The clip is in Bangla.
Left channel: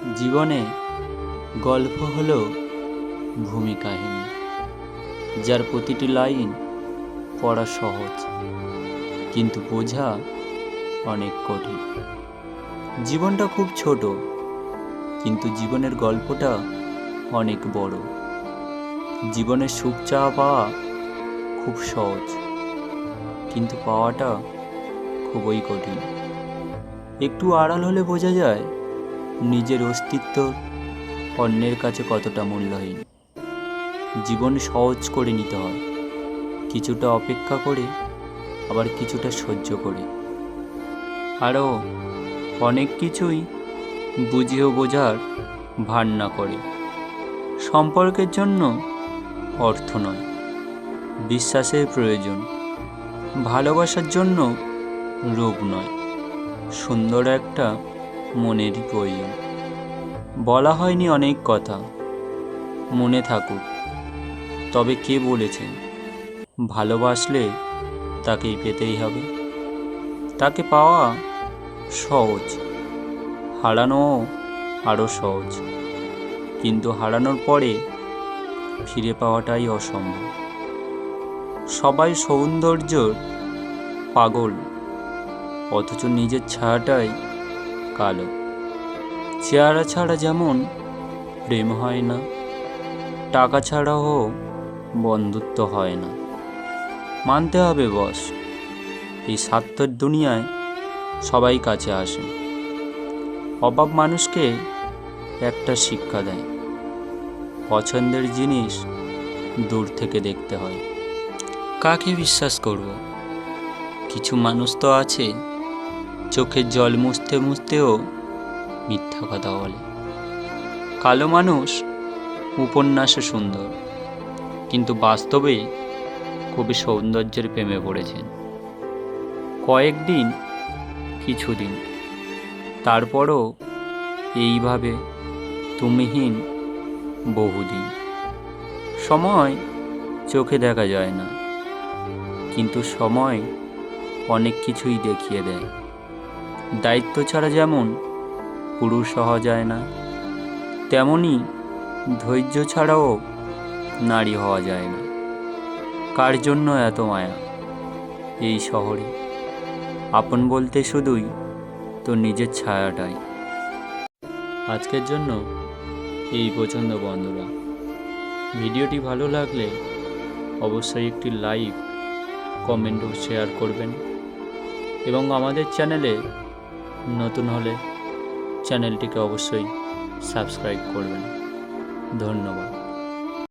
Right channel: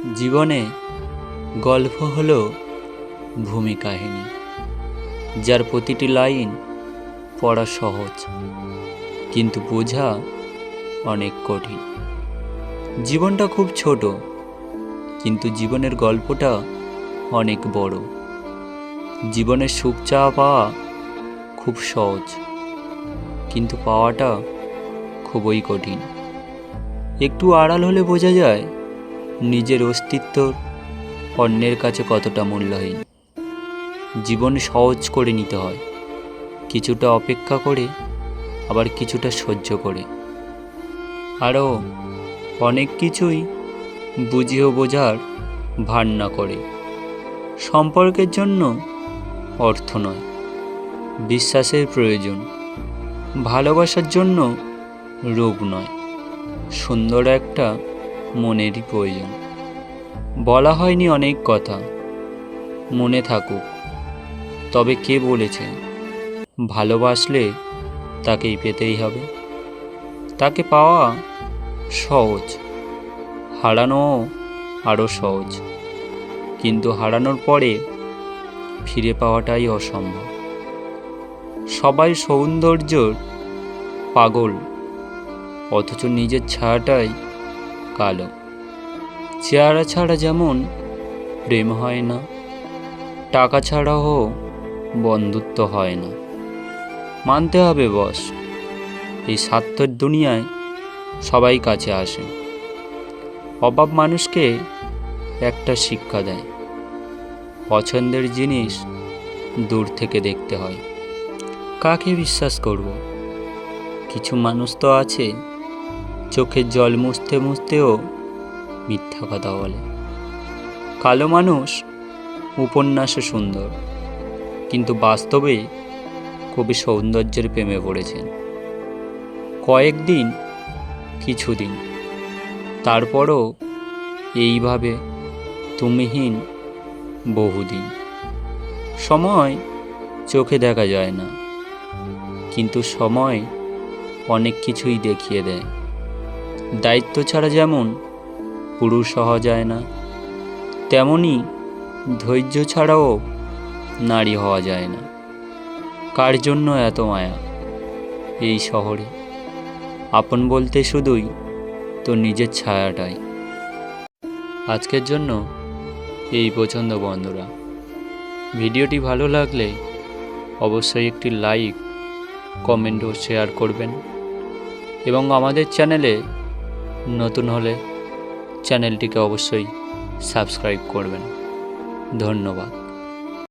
জীবনে গল্প হলো ভূমি কাহিনী, যার প্রতিটি লাইন পড়া সহজ, কিন্তু বোঝা অনেক কঠিন। জীবনটা খুব ছোট, কিন্তু জীবনের গল্পটা অনেক বড়। জীবনের সুখ চাওয়া পাওয়া খুব সহজ, কিন্তু পাওয়াটা খুবই কঠিন। একটু আড়াল হলে বোঝা যায় নিজের অস্তিত্ব অন্যের কাছে কতটা মূল্যহীন? জীবন সহজ করে নিতে হয়। কিছুটা অপেক্ষা করে, আবার কিছুটা সহ্য করে। আরও অনেক কিছুই বুঝিয়েও বোঝার ভার না করে। সম্পর্কের জন্য অর্থ নয়, বিশ্বাসের প্রয়োজন। ভালোবাসার জন্য রূপ নয়। সুন্দর একটা মনেরই প্রয়োজন বলা হয়নি অনেক কথা। মনে থাকুক। তবে কে বলেছে? ভালোবাসলে তাকেই পেতেই হবে। তাকে পাওয়া সহজ। হারানো আরও সহজ। কিন্তু হারানোর পরে ফিরে পাওয়াটাই অসম্ভব। সবাই সৌন্দর্যর পাগল। অথচ নিজের ছায়াটাই কালো চেহারা ছাড়া যেমন প্রেম হয় না, টাকা ছাড়াও বন্ধুত্ব হয় না। মানতে হবে বস, এই স্বার্থের দুনিয়ায় সবাই কাছে আসে। অভাব মানুষকে একটা শিক্ষা দেয়। পছন্দের জিনিস দূর থেকে দেখতে হয়। কাকে বিশ্বাস করব? কিছু মানুষ তো আছে চোখের জল মুছতে মুছতেও মিথ্যা কথা বলে। কালো মানুষ উপন্যাসে সুন্দর, কিন্তু বাস্তবে কবি সৌন্দর্যের প্রেমে পড়েছেন। কয়েকদিন, কিছুদিন, তারপরও এইভাবে তুমিহীন বহুদিন। সময় চোখে দেখা যায় না, কিন্তু সময় অনেক কিছুই দেখিয়ে দেয়। দায়িত্ব ছাড়া যেমন পুরুষ হওয়া যায় না, তেমনি ধৈর্য ছাড়াও নারী হওয়া যায় না। কার জন্য এত মায়া এই শহরে? আপন বলতে শুধুই তো নিজের ছায়াটাই। আজকের জন্য এই পছন্দ বন্ধুরা। ভিডিওটি ভালো লাগলে অবশ্যই একটি লাইক, কমেন্ট ও শেয়ার করবেন। এবং আমাদের চ্যানেলে নতুন হলে চ্যানেলটিকে অবশ্যই সাবস্ক্রাইব করবেন। ধন্যবাদ।